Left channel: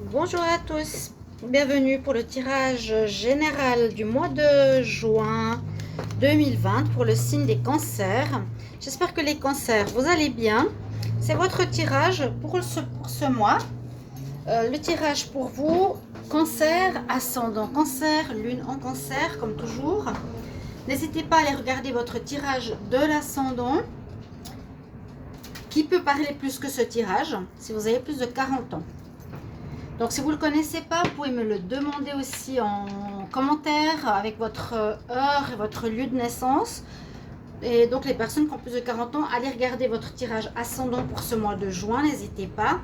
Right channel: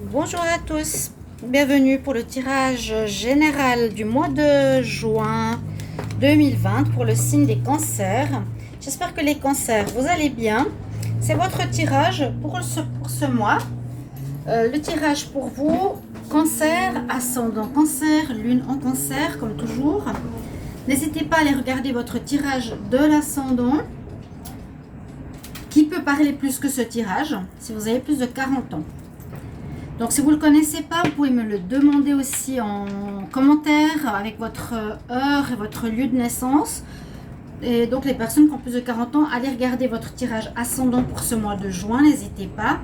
Bonjour à tous, bienvenue pour le tirage général du mois de juin 2020 pour le signe des cancers. J'espère que les cancers, vous allez bien. C'est votre tirage pour ce mois. Le tirage pour vous, cancer, ascendant cancer, lune en cancer, comme toujours. N'hésitez pas à aller regarder votre tirage de l'ascendant, qui peut parler plus que ce tirage, si vous avez plus de 40 ans. Donc, si vous ne le connaissez pas, vous pouvez me le demander aussi en commentaire avec votre heure et votre lieu de naissance. Et donc, les personnes qui ont plus de 40 ans, allez regarder votre tirage ascendant pour ce mois de juin, n'hésitez pas.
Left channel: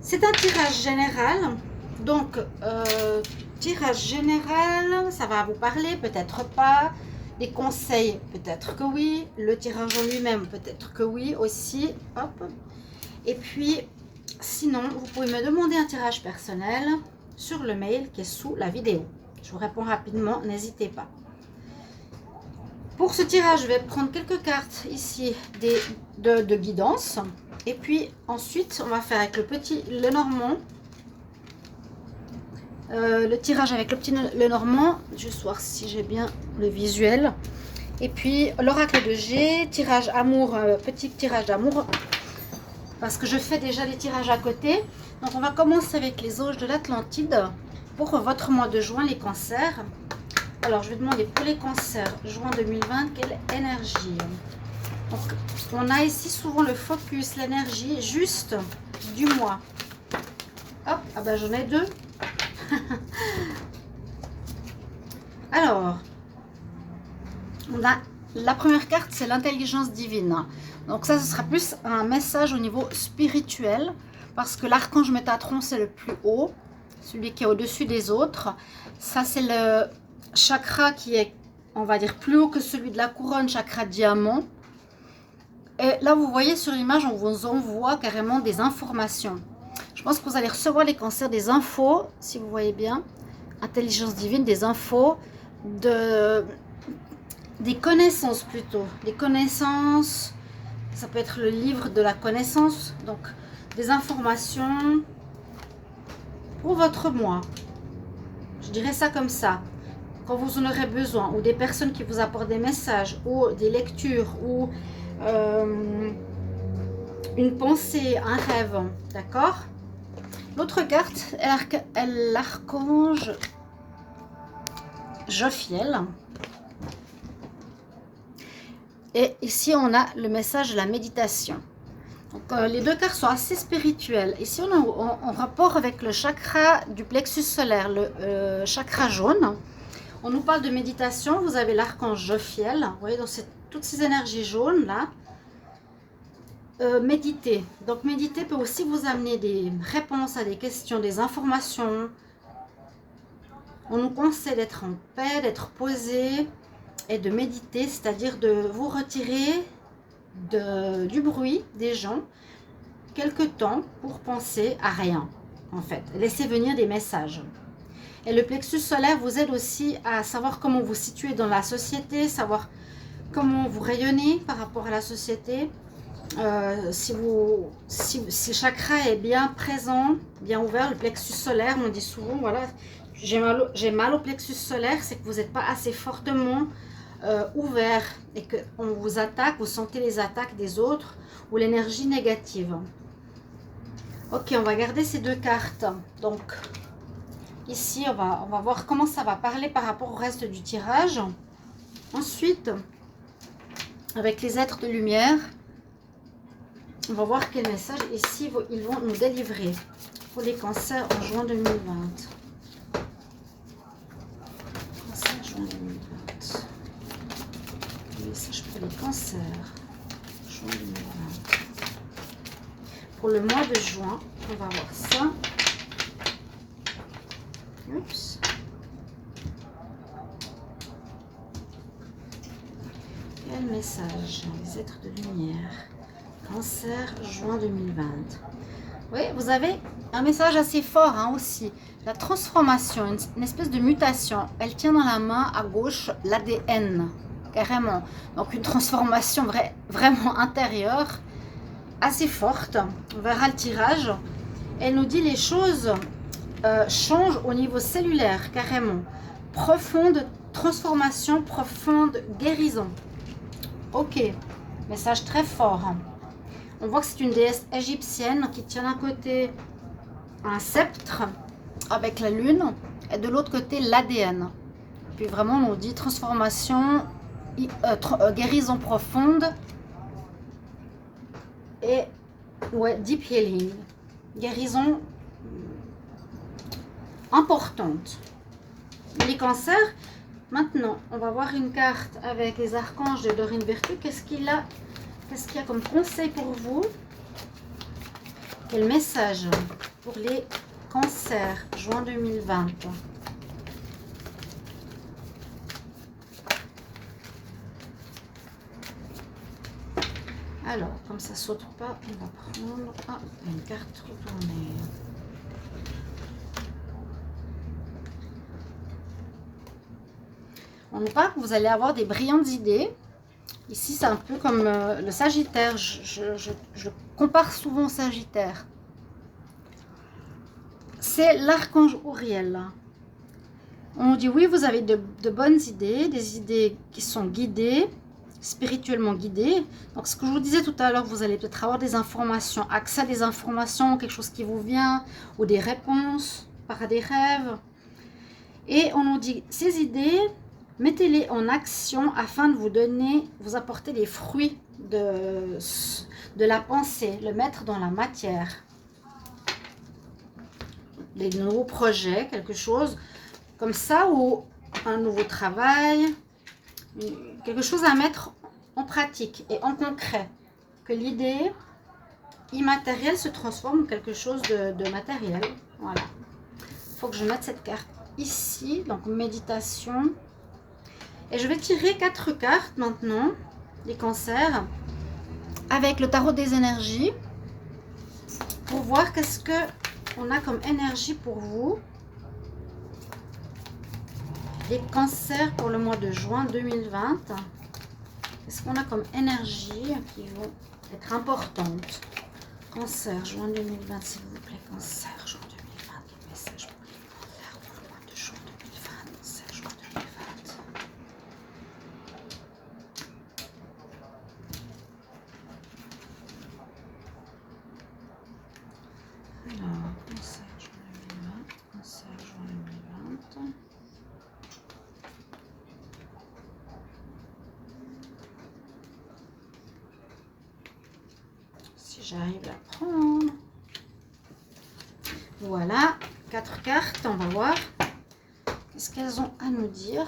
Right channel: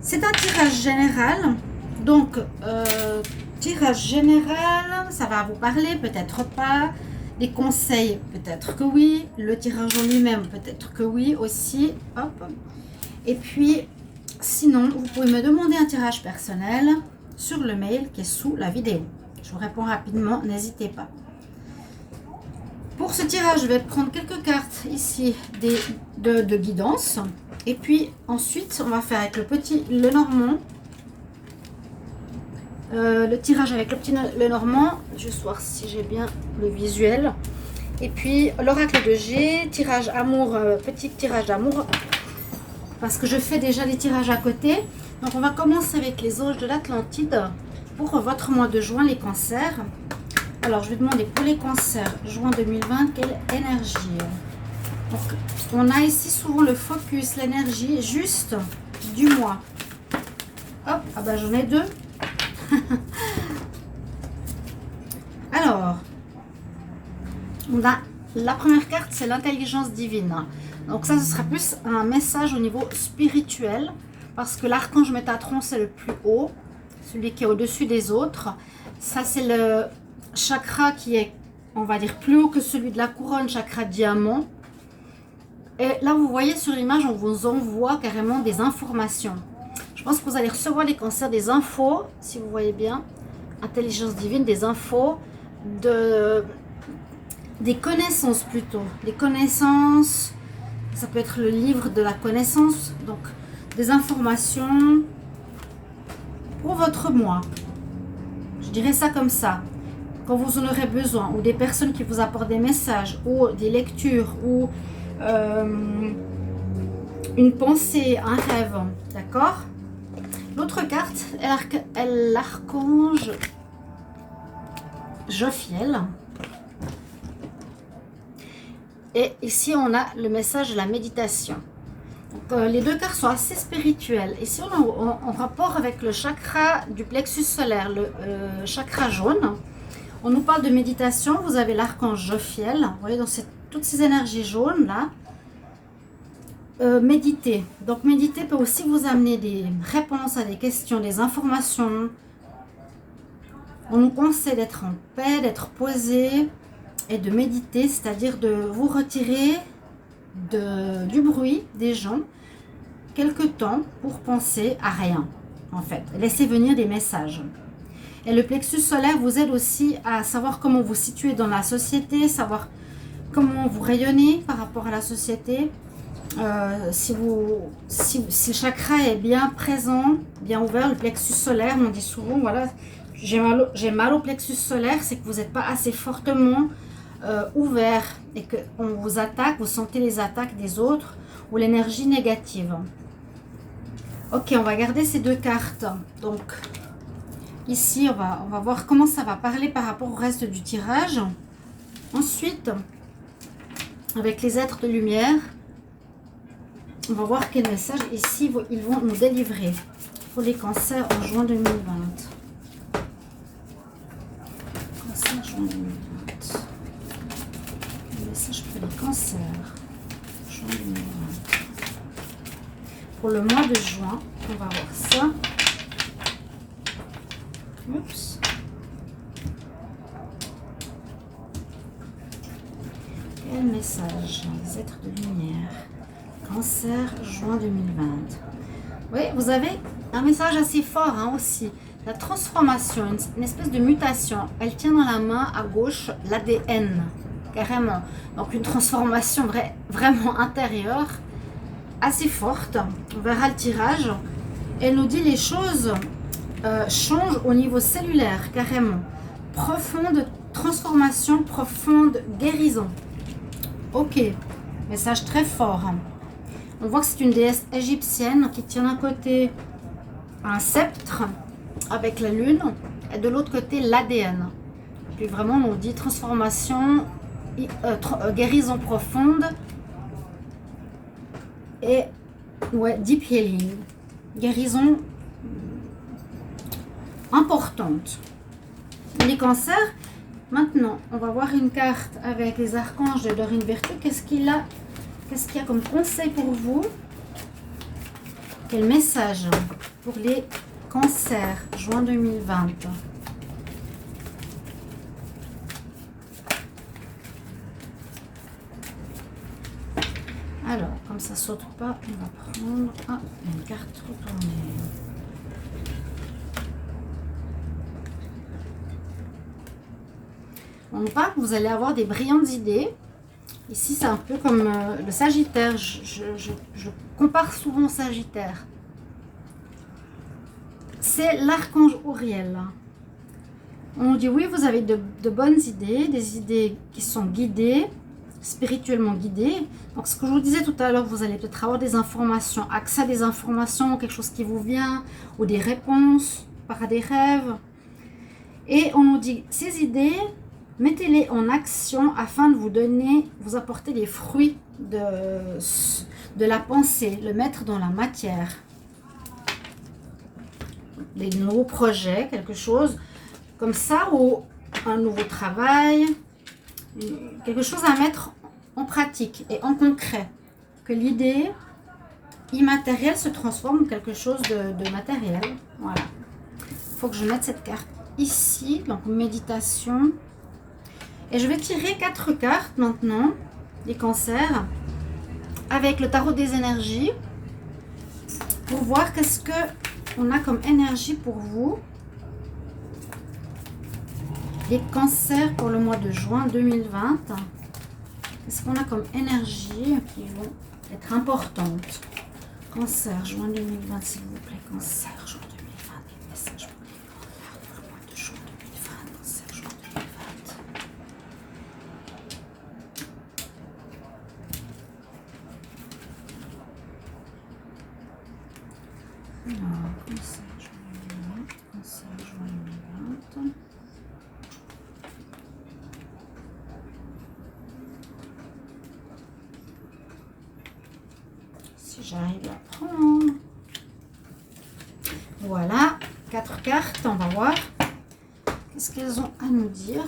C'est un tirage général. Donc, tirage général, ça va vous parler, peut-être pas. Des conseils, peut-être que oui. Le tirage en lui-même, peut-être que oui aussi. Hop. Et puis, sinon, vous pouvez me demander un tirage personnel sur le mail qui est sous la vidéo. Je vous réponds rapidement, n'hésitez pas. Pour ce tirage, je vais prendre quelques cartes ici de guidance. Et puis ensuite, on va faire avec le petit Lenormand. Le tirage avec le petit Lenormand. Je vais voir si j'ai bien le visuel. Et puis l'oracle de G, tirage amour, petit tirage d'amour. Parce que je fais déjà les tirages à côté. Donc on va commencer avec les anges de l'Atlantide pour votre mois de juin, les cancers. Alors je vais demander pour les cancers, juin 2020, quelle énergie. Donc on a ici souvent le focus, l'énergie juste du mois. Hop, ah ben j'en ai deux. Alors, on a la première carte, c'est l'intelligence divine. Donc ça, ce sera plus un message au niveau spirituel, parce que l'archange Métatron, c'est le plus haut, celui qui est au-dessus des autres. Ça, c'est le chakra qui est, on va dire, plus haut que celui de la couronne, chakra diamant. Et là, vous voyez sur l'image, on vous envoie carrément des informations. Je pense que vous allez recevoir les cancers des infos, si vous voyez bien. Intelligence divine, des infos, des connaissances plutôt. Des connaissances... Ça peut être le livre de la connaissance, donc des informations pour votre mois. Je dirais ça comme ça. Quand vous en aurez besoin, ou des personnes qui vous apportent des messages, ou des lectures, ou une pensée, un rêve, d'accord? L'autre carte est l'archange Jophiel. Et ici, on a le message de la méditation. Donc, les deux cartes sont assez spirituelles. Ici, on est en rapport avec le chakra du plexus solaire, le chakra jaune. On nous parle de méditation. Vous avez l'archange Jophiel. Vous voyez, donc c'est toutes ces énergies jaunes là. Méditer. Donc, méditer peut aussi vous amener des réponses à des questions, des informations. On nous conseille d'être en paix, d'être posé. Et de méditer, c'est-à-dire de vous retirer du bruit des gens quelque temps pour penser à rien, en fait. Laissez venir des messages. Et le plexus solaire vous aide aussi à savoir comment vous situez dans la société, savoir comment vous rayonnez par rapport à la société. Si le chakra est bien présent, bien ouvert, le plexus solaire, on dit souvent, voilà, j'ai mal au plexus solaire, c'est que vous n'êtes pas assez fortement ouvert et qu'on vous attaque, vous sentez les attaques des autres ou l'énergie négative. Ok, on va garder ces deux cartes. Donc, ici, on va voir comment ça va parler par rapport au reste du tirage. Ensuite, avec les êtres de lumière, on va voir quel message ici ils vont nous délivrer pour les cancers en juin 2020. Cancer, juin 2020. Pour les cancers, juin 2020. Pour le mois de juin, on va voir ça. Oups. Quel message, les êtres de lumière. Cancer, juin 2020. Oui, vous avez un message assez fort hein, aussi. La transformation, une espèce de mutation. Elle tient dans la main à gauche l'ADN. Carrément. Donc une transformation vraiment intérieure, assez forte. On verra le tirage. Elle nous dit les choses changent au niveau cellulaire, carrément. Profonde transformation, profonde guérison. Ok, message très fort. On voit que c'est une déesse égyptienne qui tient d'un côté un sceptre avec la lune et de l'autre côté l'ADN. Puis vraiment on nous dit transformation, guérison profonde et ouais, deep healing. Guérison importante. Les cancers, maintenant on va voir une carte avec les archanges de Dorine Virtue. Qu'est-ce qu'il y a comme conseil pour vous? Quel message pour les cancers, juin 2020? Alors, comme ça saute pas, on va prendre une carte retournée. On nous parle que vous allez avoir des brillantes idées. Ici, c'est un peu comme le Sagittaire. Je compare souvent au Sagittaire. C'est l'archange Auriel. On nous dit oui, vous avez de bonnes idées, des idées qui sont guidées, spirituellement guidées. Donc, ce que je vous disais tout à l'heure, vous allez peut-être avoir des informations, accès à des informations, quelque chose qui vous vient, ou des réponses par des rêves. Et on nous dit ces idées, mettez-les en action afin de vous apporter les fruits de la pensée, le mettre dans la matière. Des nouveaux projets, quelque chose comme ça, ou un nouveau travail, quelque chose à mettre en pratique et en concret. Que l'idée immatérielle se transforme en quelque chose de matériel. Voilà. Il faut que je mette cette carte ici, donc méditation. Et je vais tirer 4 cartes maintenant, les cancers, avec le tarot des énergies, pour voir qu'est-ce qu'on a comme énergie pour vous. Les cancers pour le mois de juin 2020. Qu'est-ce qu'on a comme énergie qui vont être importantes? Cancer, juin 2020, s'il vous plaît. Cancer, juin 2020. Quel message pour les cancers pour le mois de juin 2020? Cancer, juin 2020. Alors, cancer, juin 2020. Cancer, juin 2020. J'arrive à prendre. Voilà, 4 cartes, on va voir. Qu'est-ce qu'elles ont à nous dire?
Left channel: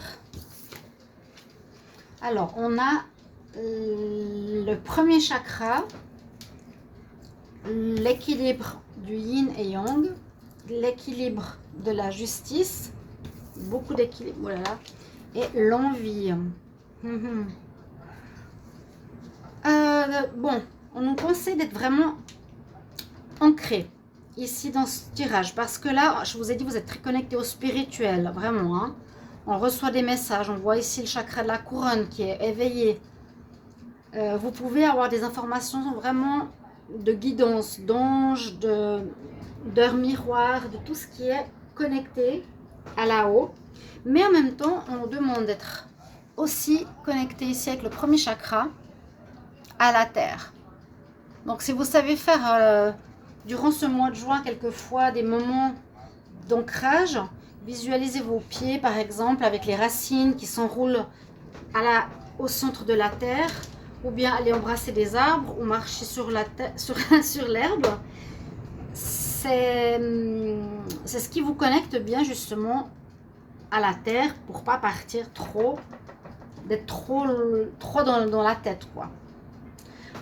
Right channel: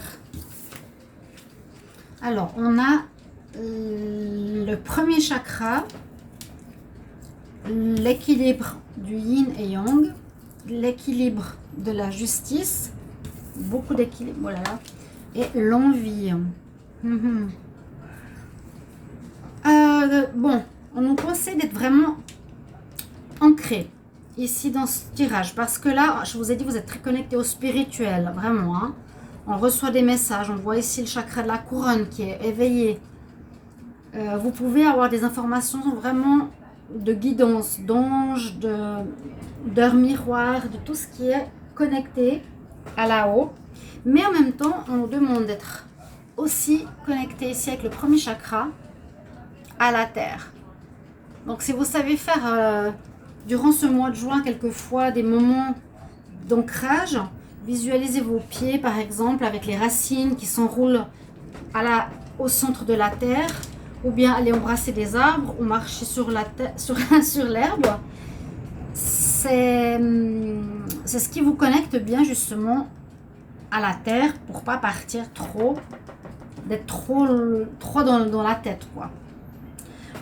Alors, on a le premier chakra, l'équilibre du yin et yang, l'équilibre de la justice, beaucoup d'équilibre, voilà, et l'envie. Bon. On nous conseille d'être vraiment ancré ici dans ce tirage. Parce que là, je vous ai dit, vous êtes très connecté au spirituel. Vraiment. Hein. On reçoit des messages. On voit ici le chakra de la couronne qui est éveillé. Vous pouvez avoir des informations vraiment de guidance, d'anges, d'heures miroirs, de tout ce qui est connecté à là-haut. Mais en même temps, on nous demande d'être aussi connecté ici avec le premier chakra à la terre. Donc, si vous savez faire durant ce mois de juin, quelquefois, des moments d'ancrage, visualisez vos pieds, par exemple, avec les racines qui s'enroulent au centre de la terre, ou bien aller embrasser des arbres, ou marcher sur l'herbe. C'est ce qui vous connecte bien, justement, à la terre, pour pas partir d'être trop dans la tête, quoi.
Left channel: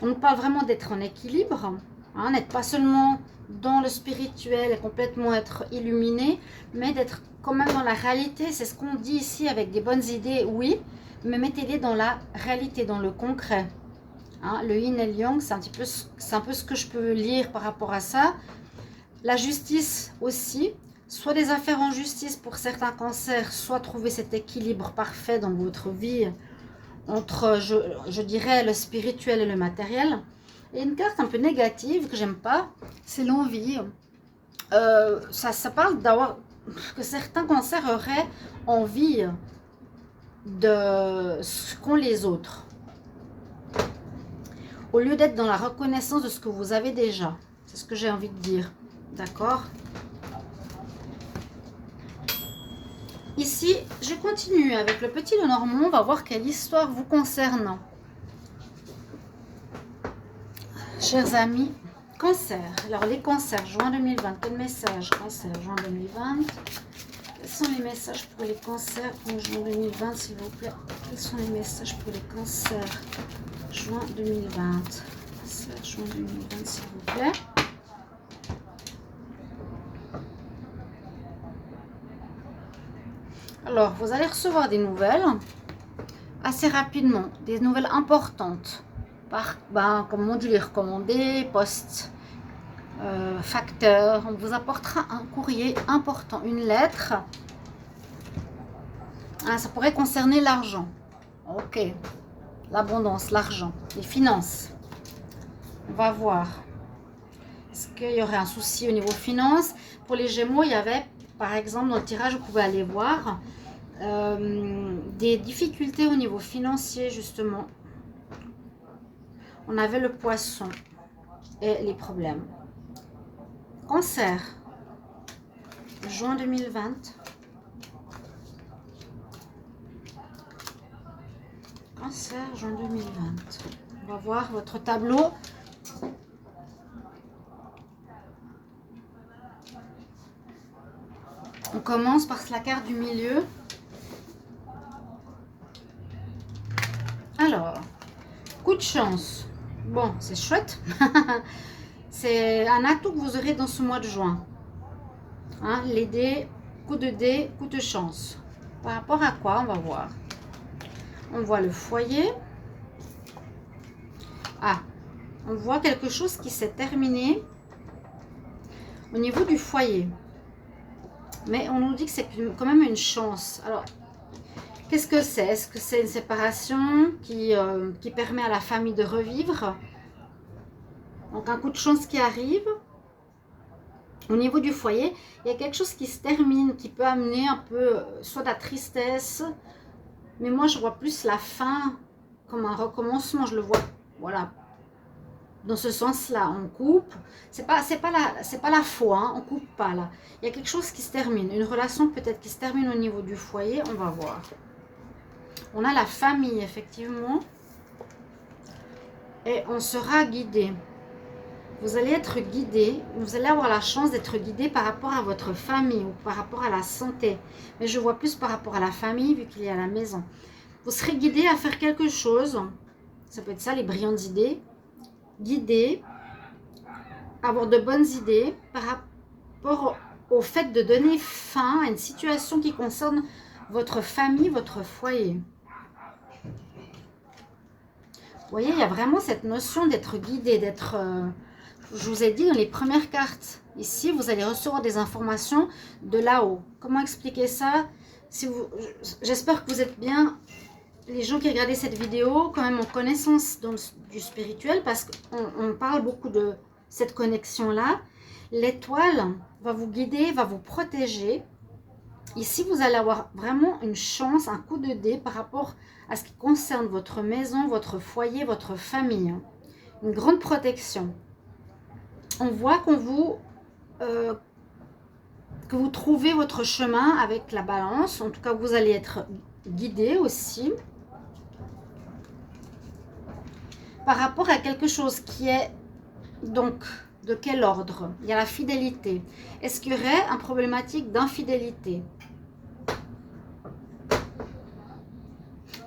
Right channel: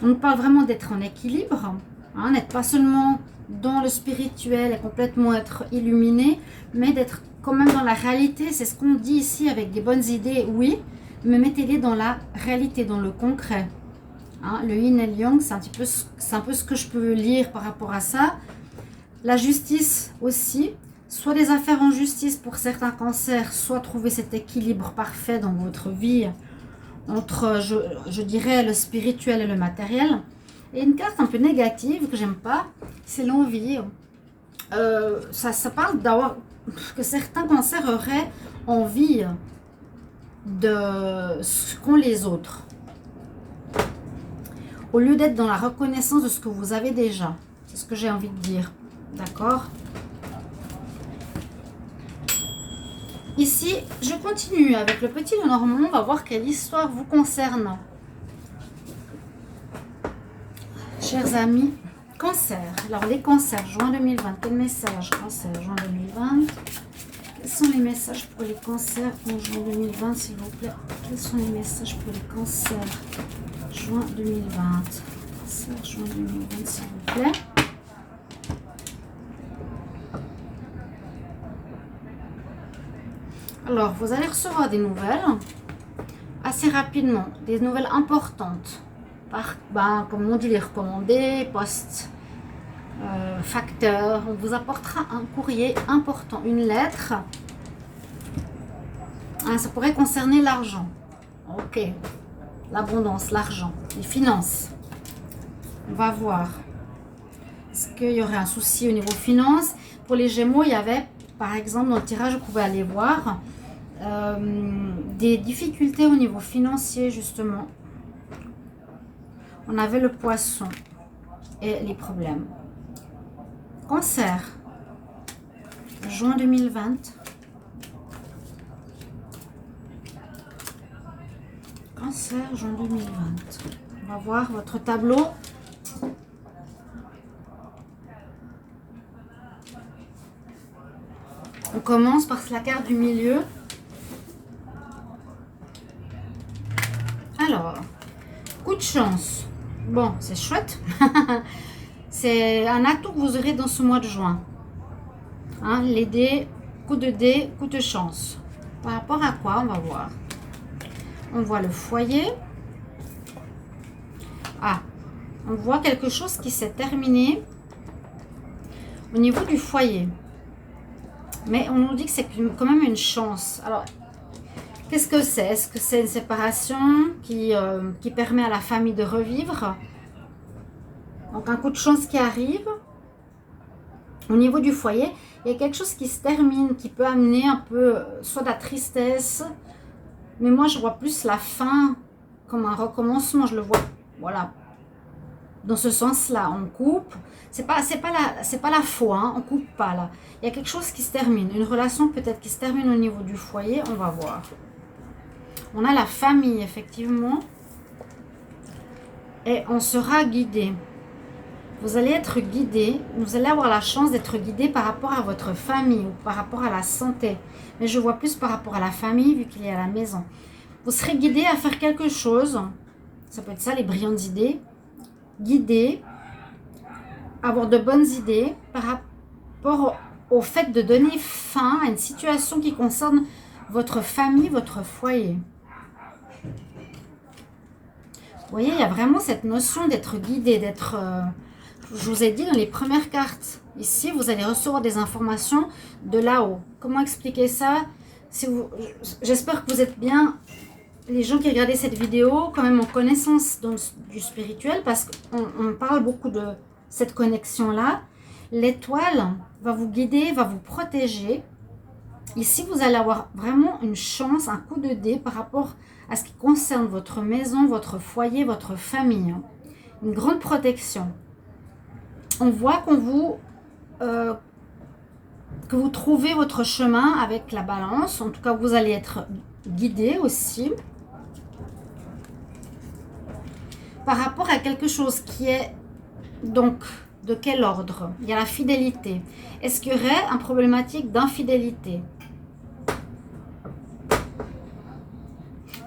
On nous parle vraiment d'être en équilibre, hein, n'être pas seulement dans le spirituel et complètement être illuminé, mais d'être quand même dans la réalité. C'est ce qu'on dit ici avec des bonnes idées, oui, mais mettez-les dans la réalité, dans le concret. Hein, le yin et le yang, c'est un peu ce que je peux lire par rapport à ça. La justice aussi, soit des affaires en justice pour certains cancers, soit trouver cet équilibre parfait dans votre vie, entre, je dirais, le spirituel et le matériel. Et une carte un peu négative que j'aime pas, c'est l'envie. Ça parle d'avoir que certains cancers auraient envie de ce qu'ont les autres, au lieu d'être dans la reconnaissance de ce que vous avez déjà. C'est ce que j'ai envie de dire. D'accord? Ici, je continue avec le petit Lenormand. On va voir quelle histoire vous concerne. Chers amis, cancer. Alors, les cancers, juin 2020. Quel message? Cancer, juin 2020. Quels sont les messages pour les cancers en juin 2020, s'il vous plaît? Quels sont les messages pour les cancers? Juin 2020. Cancer, juin 2020, s'il vous plaît. Alors, vous allez recevoir des nouvelles assez rapidement, des nouvelles importantes. Comme module recommandé, post, facteur. On vous apportera un courrier important, une lettre. Ah, ça pourrait concerner l'argent. Ok. L'abondance, l'argent, les finances. On va voir. Est-ce qu'il y aurait un souci au niveau finances? Pour les Gémeaux, il y avait, par exemple, dans le tirage, vous pouvez aller voir, des difficultés au niveau financier, justement. On avait le poisson et les problèmes. Cancer, juin 2020. Cancer, juin 2020. On va voir votre tableau. On commence par la carte du milieu. Alors, coup de chance. Bon, c'est chouette. C'est un atout que vous aurez dans ce mois de juin. Hein, les dés, coup de chance. Par rapport à quoi? On va voir. On voit le foyer. Ah, on voit quelque chose qui s'est terminé au niveau du foyer. Mais on nous dit que c'est quand même une chance. Alors, qu'est-ce que c'est? Est-ce que c'est une séparation qui permet à la famille de revivre? Donc, un coup de chance qui arrive. Au niveau du foyer, il y a quelque chose qui se termine, qui peut amener un peu, soit de la tristesse. Mais moi, je vois plus la fin comme un recommencement. Je le vois, voilà. Dans ce sens-là, on coupe. C'est pas la foi, hein, on coupe pas là. Il y a quelque chose qui se termine. Une relation peut-être qui se termine au niveau du foyer, on va voir. On a la famille, effectivement. Et on sera guidé. Vous allez être guidé. Vous allez avoir la chance d'être guidé par rapport à votre famille ou par rapport à la santé. Mais je vois plus par rapport à la famille vu qu'il est à la maison. Vous serez guidé à faire quelque chose. Ça peut être ça, les brillantes idées. Guidé, avoir de bonnes idées par rapport au fait de donner fin à une situation qui concerne votre famille, votre foyer. Vous voyez, il y a vraiment cette notion d'être guidé, d'être... je vous ai dit dans les premières cartes, ici, vous allez recevoir des informations de là-haut. Comment expliquer ça? J'espère que vous êtes bien... Les gens qui regardaient cette vidéo, quand même en connaissance du spirituel, parce qu'on parle beaucoup de cette connexion-là. L'étoile va vous guider, va vous protéger. Ici, vous allez avoir vraiment une chance, un coup de dé par rapport à ce qui concerne votre maison, votre foyer, votre famille. Une grande protection. On voit que vous trouvez votre chemin avec la balance. En tout cas, vous allez être guidé aussi. Par rapport à quelque chose qui est donc de quel ordre? Il y a la fidélité. Est-ce qu'il y aurait une problématique d'infidélité?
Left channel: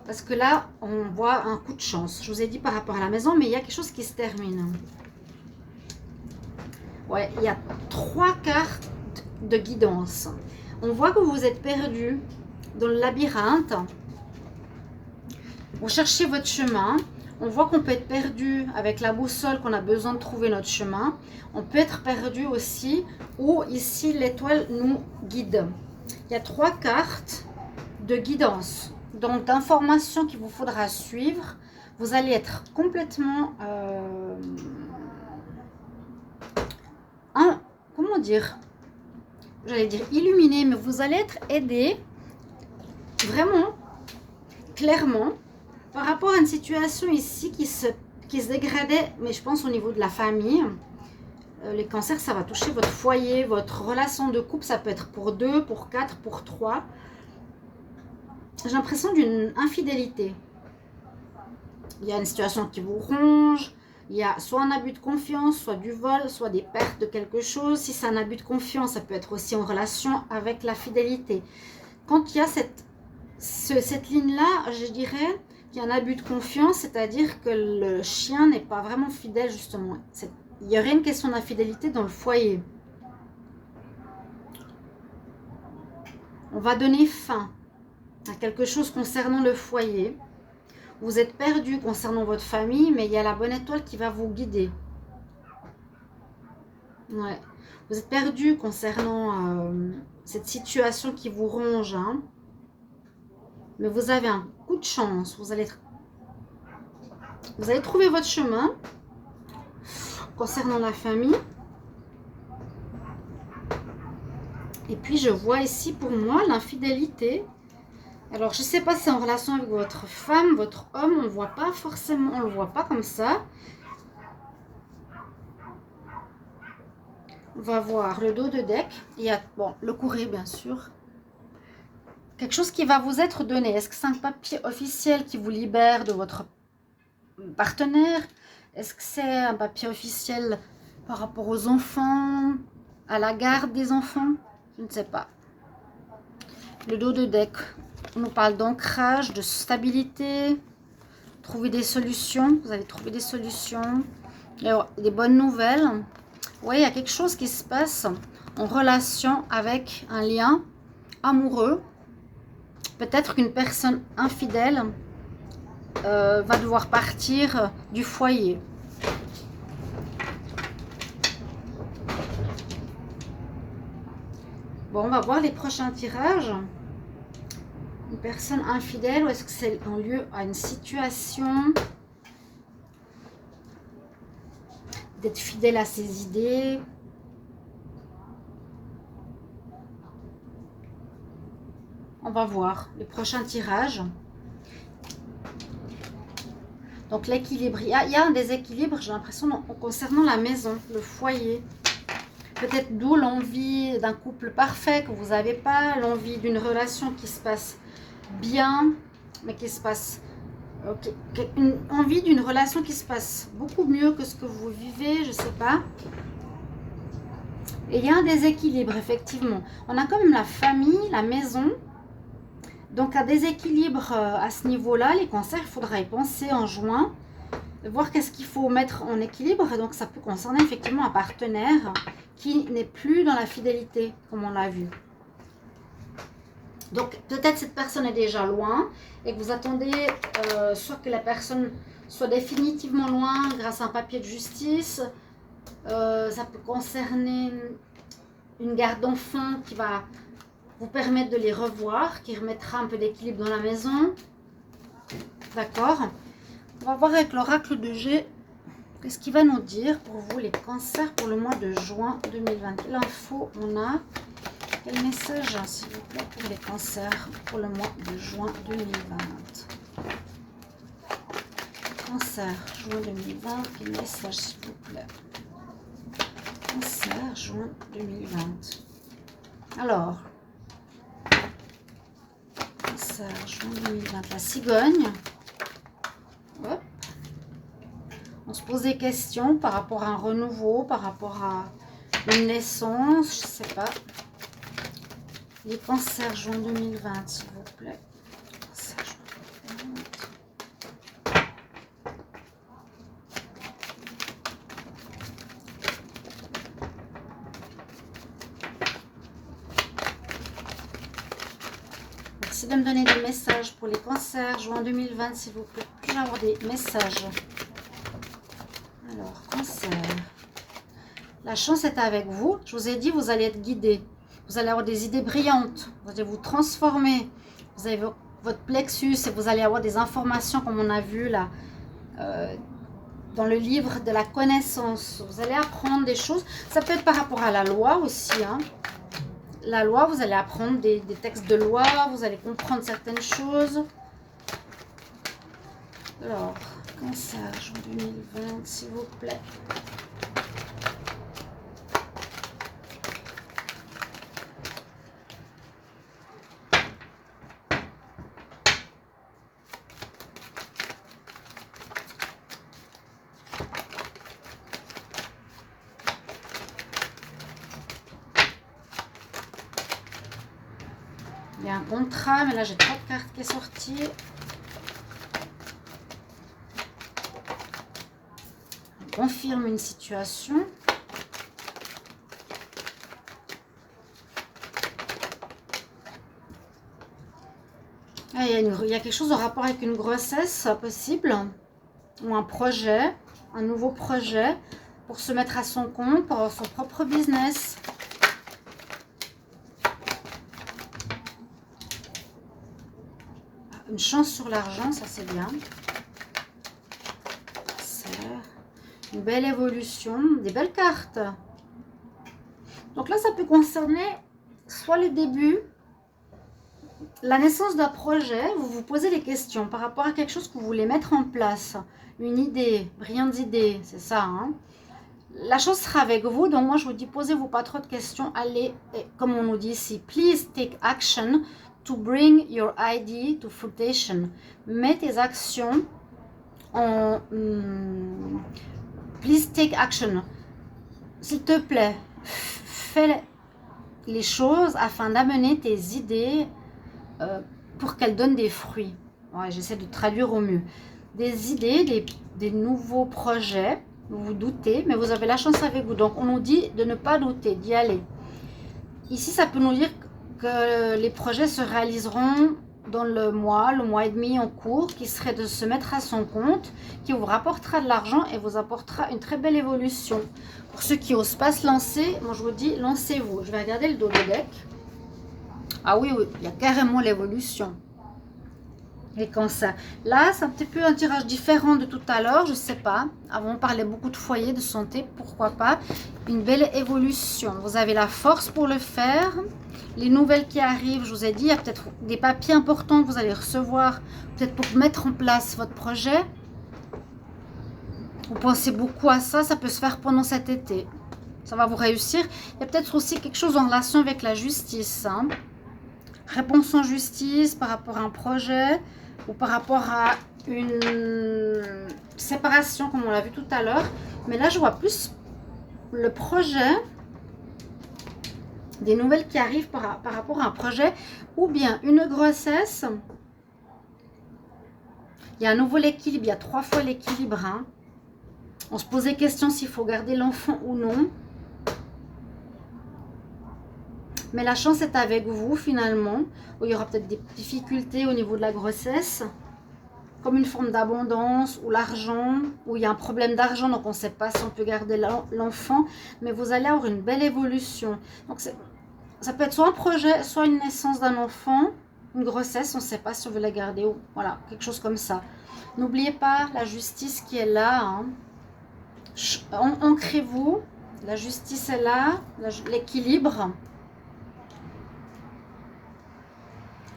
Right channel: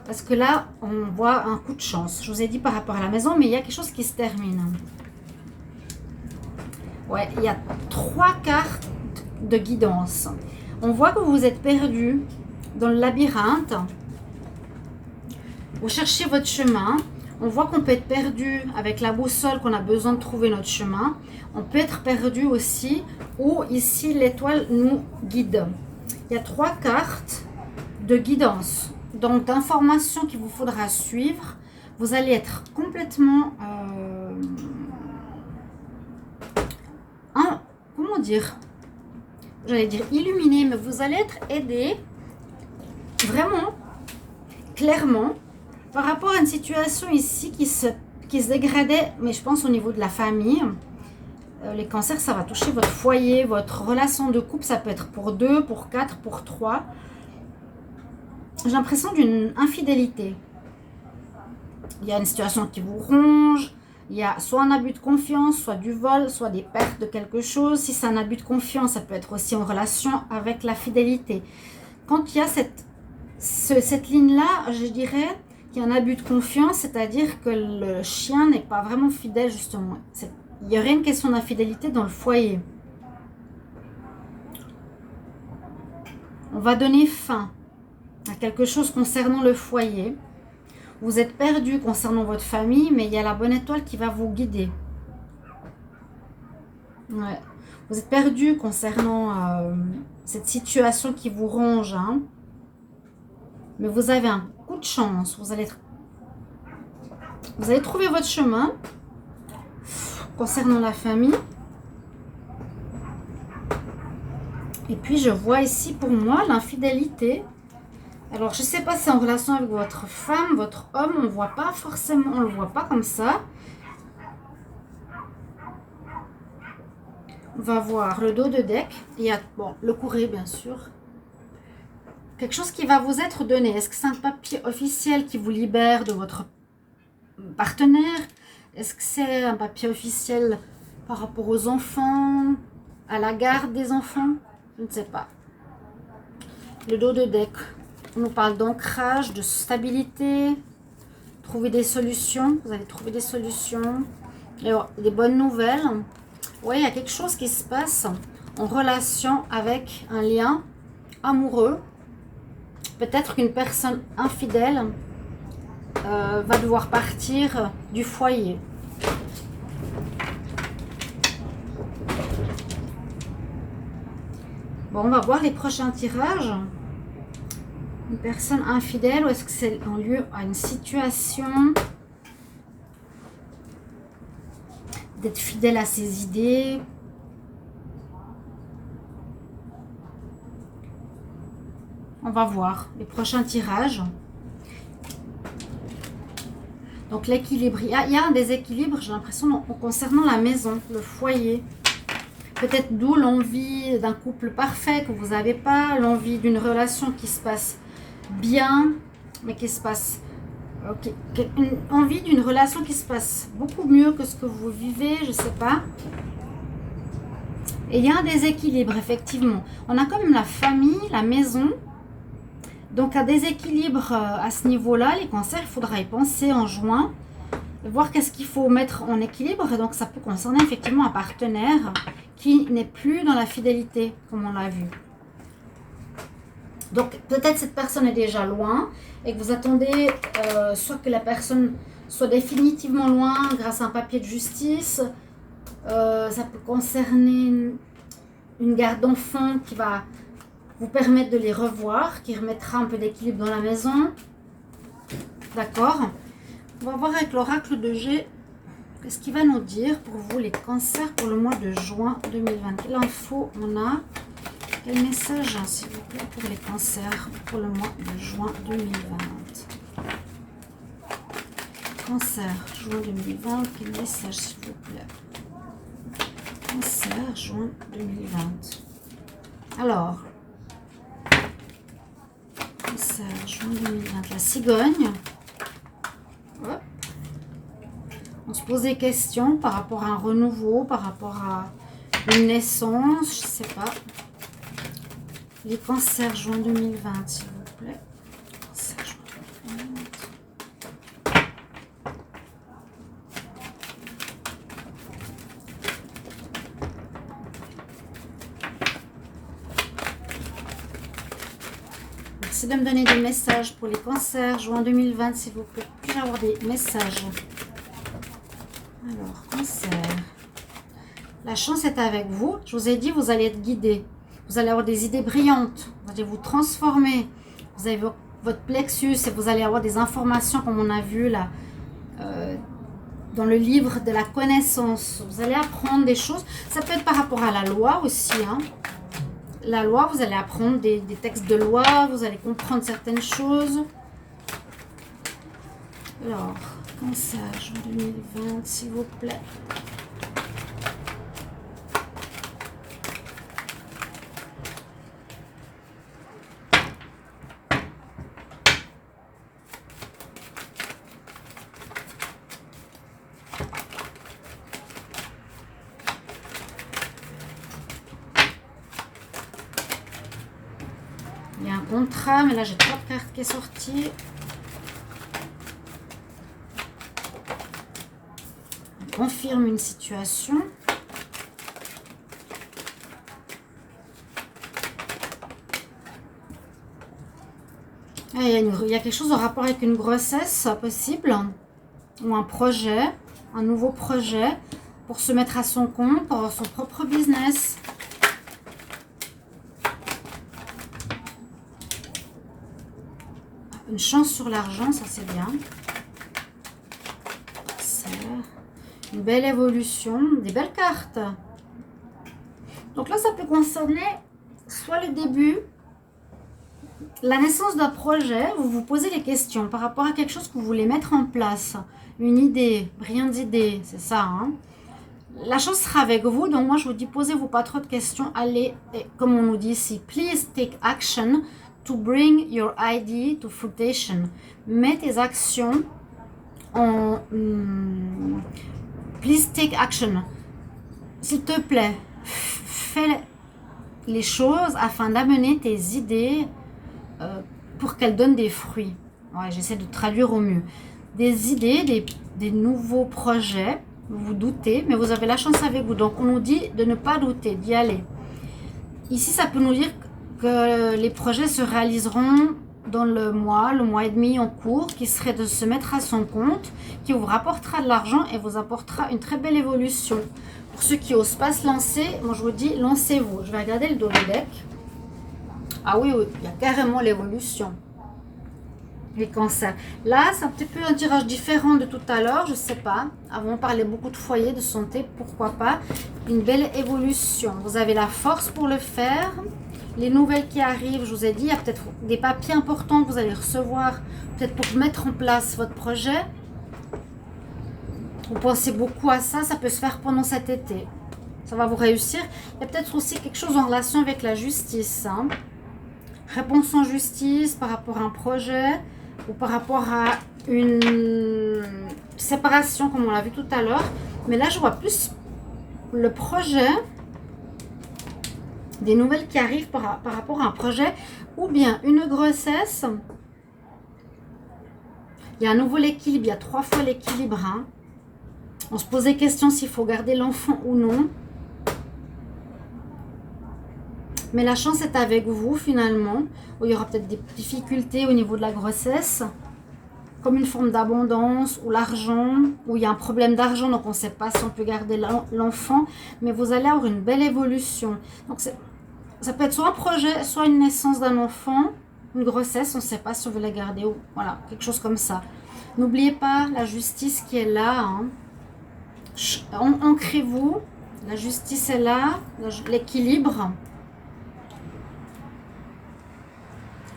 Parce que là, on voit un coup de chance. Je vous ai dit par rapport à la maison, mais il y a quelque chose qui se termine. Ouais, il y a 3 cartes de guidance. On voit que vous êtes perdu dans le labyrinthe. Vous cherchez votre chemin. On voit qu'on peut être perdu avec la boussole, qu'on a besoin de trouver notre chemin. On peut être perdu aussi, ou ici l'étoile nous guide. Il y a 3 cartes de guidance, donc d'informations qu'il vous faudra suivre. Vous allez être complètement... comment dire? j'allais dire illuminé, mais vous allez être aidé vraiment, clairement, par rapport à une situation ici qui se dégradait, mais je pense au niveau de la famille. Les cancers, ça va toucher votre foyer, votre relation de couple, ça peut être pour 2, pour 4, pour 3. J'ai l'impression d'une infidélité. Il y a une situation qui vous ronge, il y a soit un abus de confiance, soit du vol, soit des pertes de quelque chose. Si c'est un abus de confiance, ça peut être aussi en relation avec la fidélité. Quand il y a cette ligne-là, je dirais qu'il y a un abus de confiance, c'est-à-dire que le chien n'est pas vraiment fidèle, justement. Il y aurait une question d'infidélité dans le foyer. On va donner fin à quelque chose concernant le foyer. Vous êtes perdu concernant votre famille, mais il y a la bonne étoile qui va vous guider. Ouais. Vous êtes perdu concernant cette situation qui vous ronge. Hein. Mais vous avez un coup de chance. Vous allez trouver votre chemin concernant la famille. Et puis, je vois ici, pour moi, l'infidélité. Alors, je ne sais pas si c'est en relation avec votre femme, votre homme. On ne voit pas forcément, on ne le voit pas comme ça. On va voir le dos de deck. Il y a, bon, le courrier, bien sûr. Quelque chose qui va vous être donné. Est-ce que c'est un papier officiel qui vous libère de votre partenaire? Est-ce que c'est un papier officiel par rapport aux enfants, à la garde des enfants? Je ne sais pas. Le dos de deck. On nous parle d'ancrage, de stabilité, trouver des solutions. Vous allez trouver des solutions. Alors, des bonnes nouvelles. Oui, il y a quelque chose qui se passe en relation avec un lien amoureux. Peut-être qu'une personne infidèle va devoir partir du foyer. Bon, on va voir les prochains tirages. Une personne infidèle, ou est-ce que c'est en lieu à une situation d'être fidèle à ses idées? On va voir les prochains tirages. Donc l'équilibre, il y a un déséquilibre, j'ai l'impression, concernant la maison, le foyer. Peut-être d'où l'envie d'un couple parfait que vous n'avez pas, l'envie d'une relation qui se passe bien, mais qui se passe... une envie d'une relation qui se passe beaucoup mieux que ce que vous vivez, je ne sais pas. Et il y a un déséquilibre, effectivement. On a quand même la famille, la maison. Donc, un déséquilibre à ce niveau-là, les cancers, il faudra y penser en juin. Voir qu'est-ce qu'il faut mettre en équilibre. Et donc, ça peut concerner effectivement un partenaire qui n'est plus dans la fidélité, comme on l'a vu. Donc, peut-être cette personne est déjà loin et que vous attendez soit que la personne soit définitivement loin grâce à un papier de justice. Ça peut concerner une garde d'enfants qui va vous permettre de les revoir, qui remettra un peu d'équilibre dans la maison. D'accord? On va voir avec l'oracle de G. Qu'est-ce qu'il va nous dire pour vous, les cancers, pour le mois de juin 2020? L'info, on a... Quel message, hein, s'il vous plaît, pour les cancers pour le mois de juin 2020? Cancer, juin 2020, quel message, s'il vous plaît? Cancer, juin 2020. Alors, cancer, juin 2020, la cigogne. Hop. On se pose des questions par rapport à un renouveau, par rapport à une naissance, je ne sais pas. Les cancers, juin 2020, s'il vous plaît. Cancer, juin 2020. Merci de me donner des messages pour les cancers, juin 2020, s'il vous plaît. Puis-je avoir des messages? Alors, cancer. La chance est avec vous. Je vous ai dit, vous allez être guidé. Vous allez avoir des idées brillantes. Vous allez vous transformer. Vous avez votre plexus et vous allez avoir des informations comme on a vu là dans le livre de la connaissance. Vous allez apprendre des choses. Ça peut être par rapport à la loi aussi. Hein. la loi, vous allez apprendre des textes de loi, vous allez comprendre certaines choses. Alors, Cancer, juin 2020, s'il vous plaît. Il y a un contrat, mais là, j'ai 3 cartes qui est sortie. Confirme une situation. Ah, il y a quelque chose en rapport avec une grossesse possible ou un projet, un nouveau projet pour se mettre à son compte, pour son propre business. Une chance sur l'argent, ça c'est bien. Une belle évolution, des belles cartes. Donc là, ça peut concerner soit le début, la naissance d'un projet. Vous vous posez des questions par rapport à quelque chose que vous voulez mettre en place. Une idée, brillante idée, c'est ça. Hein? La chose sera avec vous. Donc moi, je vous dis, posez-vous pas trop de questions. Allez, et comme on nous dit ici, please take action to bring your idea to fruition. Mets tes actions en... Please take action. S'il te plaît, fais les choses afin d'amener tes idées pour qu'elles donnent des fruits. Ouais, j'essaie de traduire au mieux. Des idées, des nouveaux projets. Vous vous doutez, mais vous avez la chance avec vous. Donc, on nous dit de ne pas douter, d'y aller. Ici, ça peut nous dire que les projets se réaliseront dans le mois et demi en cours, qui serait de se mettre à son compte, qui vous rapportera de l'argent et vous apportera une très belle évolution. Pour ceux qui n'osent pas se lancer, moi je vous dis, lancez-vous. Je vais regarder le double deck. Ah oui, oui, il y a carrément l'évolution. Les cancers. Là, c'est un petit peu un tirage différent de tout à l'heure, je ne sais pas. Avant, on parlait beaucoup de foyer, de santé, pourquoi pas. Une belle évolution. Vous avez la force pour le faire. Les nouvelles qui arrivent, je vous ai dit, il y a peut-être des papiers importants que vous allez recevoir, peut-être pour mettre en place votre projet. Vous pensez beaucoup à ça, ça peut se faire pendant cet été. Ça va vous réussir. Il y a peut-être aussi quelque chose en relation avec la justice. Hein. Réponse en justice par rapport à un projet ou par rapport à une séparation, comme on l'a vu tout à l'heure. Mais là, je vois plus le projet, des nouvelles qui arrivent par rapport à un projet ou bien une grossesse. Il y a à nouveau l'équilibre, il y a 3 fois l'équilibre. Hein. On se posait question s'il faut garder l'enfant ou non. Mais la chance est avec vous finalement, où il y aura peut-être des difficultés au niveau de la grossesse, comme une forme d'abondance, ou l'argent, où il y a un problème d'argent, donc on ne sait pas si on peut garder l'enfant, mais vous allez avoir une belle évolution. Donc ça peut être soit un projet, soit une naissance d'un enfant, une grossesse, on ne sait pas si on veut la garder, ou voilà, quelque chose comme ça. N'oubliez pas la justice qui est là, hein. Ancrez-vous, la justice est là, l'équilibre.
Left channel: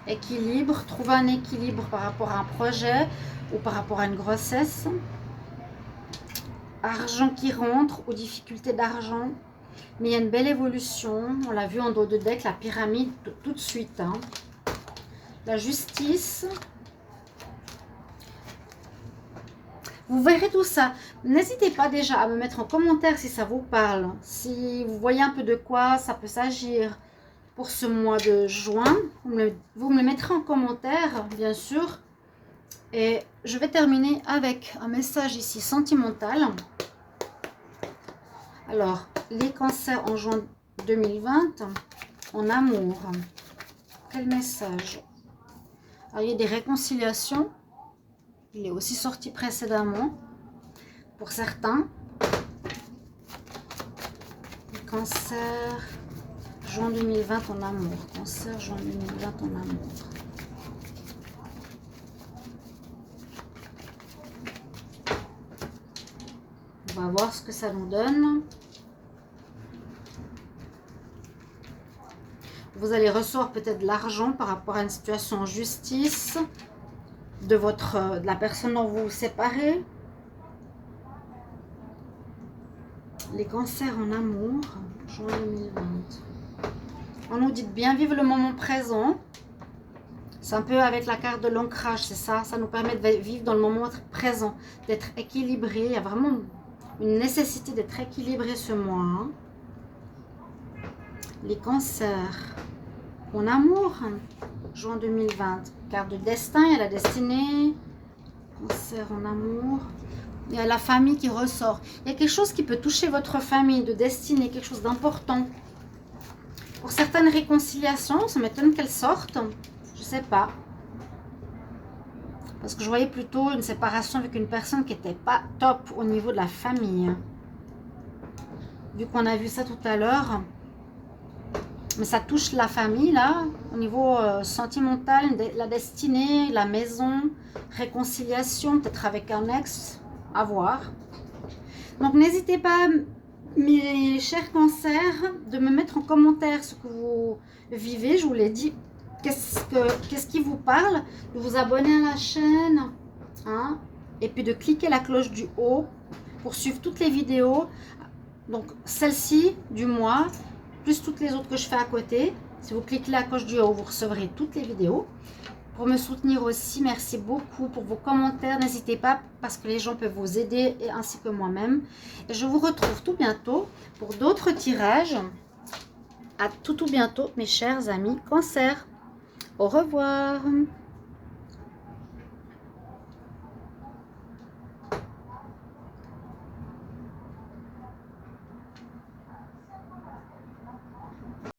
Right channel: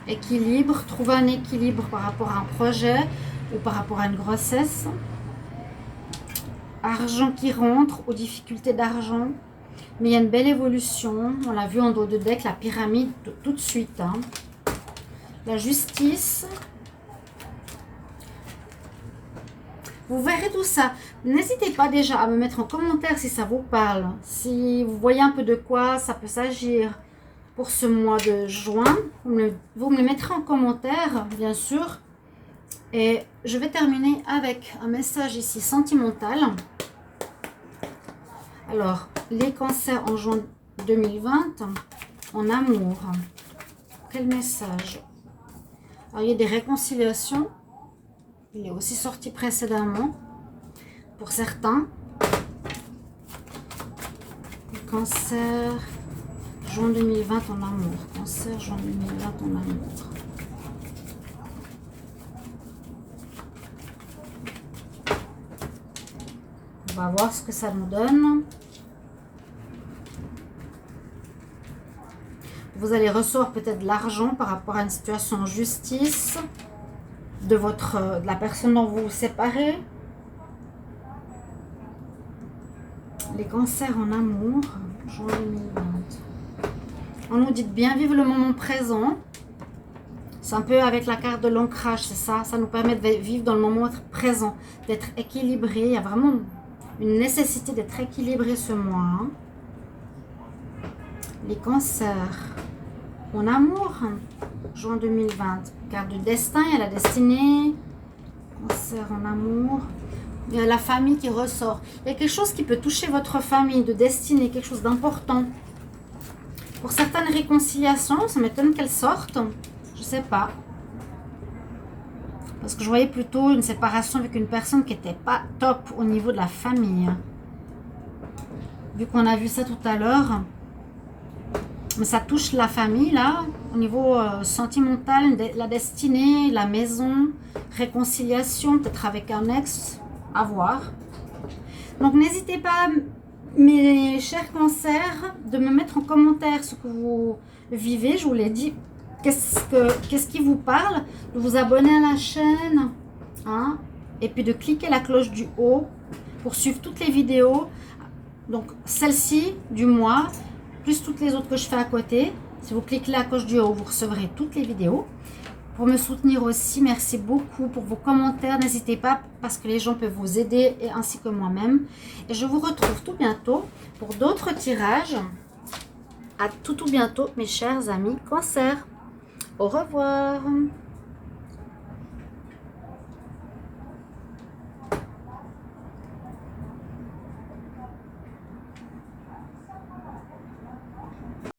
Équilibre, trouver un équilibre par rapport à un projet ou par rapport à une grossesse. Argent qui rentre, aux difficultés d'argent. Mais il y a une belle évolution. On l'a vu en dos de deck, la pyramide, tout de suite. Hein. La justice. Vous verrez tout ça. N'hésitez pas déjà à me mettre en commentaire si ça vous parle. Si vous voyez un peu de quoi ça peut s'agir. Pour ce mois de juin, vous me le mettrez en commentaire, bien sûr. Et je vais terminer avec un message ici sentimental. Alors, les cancers en juin 2020, en amour. Quel message? Alors, il y a des réconciliations. Il est aussi sorti précédemment. Pour certains. Les cancers... Juin 2020 en amour. Cancer, juin 2020 en amour. On va voir ce que ça nous donne. vous allez recevoir peut-être de l'argent par rapport à une situation en justice de la personne dont vous vous séparez. Les cancers en amour, juin 2020. On nous dit de bien vivre le moment présent. C'est un peu avec la carte de l'ancrage, c'est ça. Ça nous permet de vivre dans le moment présent, d'être équilibré. Il y a vraiment une nécessité d'être équilibré ce mois. Les cancers en amour, juin 2020. Carte du destin, il y a la destinée. Cancer en amour. Il y a la famille qui ressort. Il y a quelque chose qui peut toucher votre famille, de destinée, quelque chose d'important. Pour certaines réconciliations, ça m'étonne qu'elles sortent. Je ne sais pas. Parce que je voyais plutôt une séparation avec une personne qui n'était pas top au niveau de la famille. Vu qu'on a vu ça tout à l'heure. Mais ça touche la famille, là, au niveau sentimental, la destinée, la maison, réconciliation, peut-être avec un ex, à voir. Donc, n'hésitez pas, mes chers cancers, de me mettre en commentaire ce que vous vivez. Je vous l'ai dit, qu'est-ce qui vous parle, de vous abonner à la chaîne, hein, et puis de cliquer la cloche du haut pour suivre toutes les vidéos. Donc, celle-ci du mois, plus toutes les autres que je fais à côté. Si vous cliquez la cloche du haut, vous recevrez toutes les vidéos. Pour me soutenir aussi, merci beaucoup pour vos commentaires. N'hésitez pas parce que les gens peuvent vous aider, et ainsi que moi-même. Et je vous retrouve tout bientôt pour d'autres tirages. À tout bientôt, mes chers amis Cancer. Au revoir.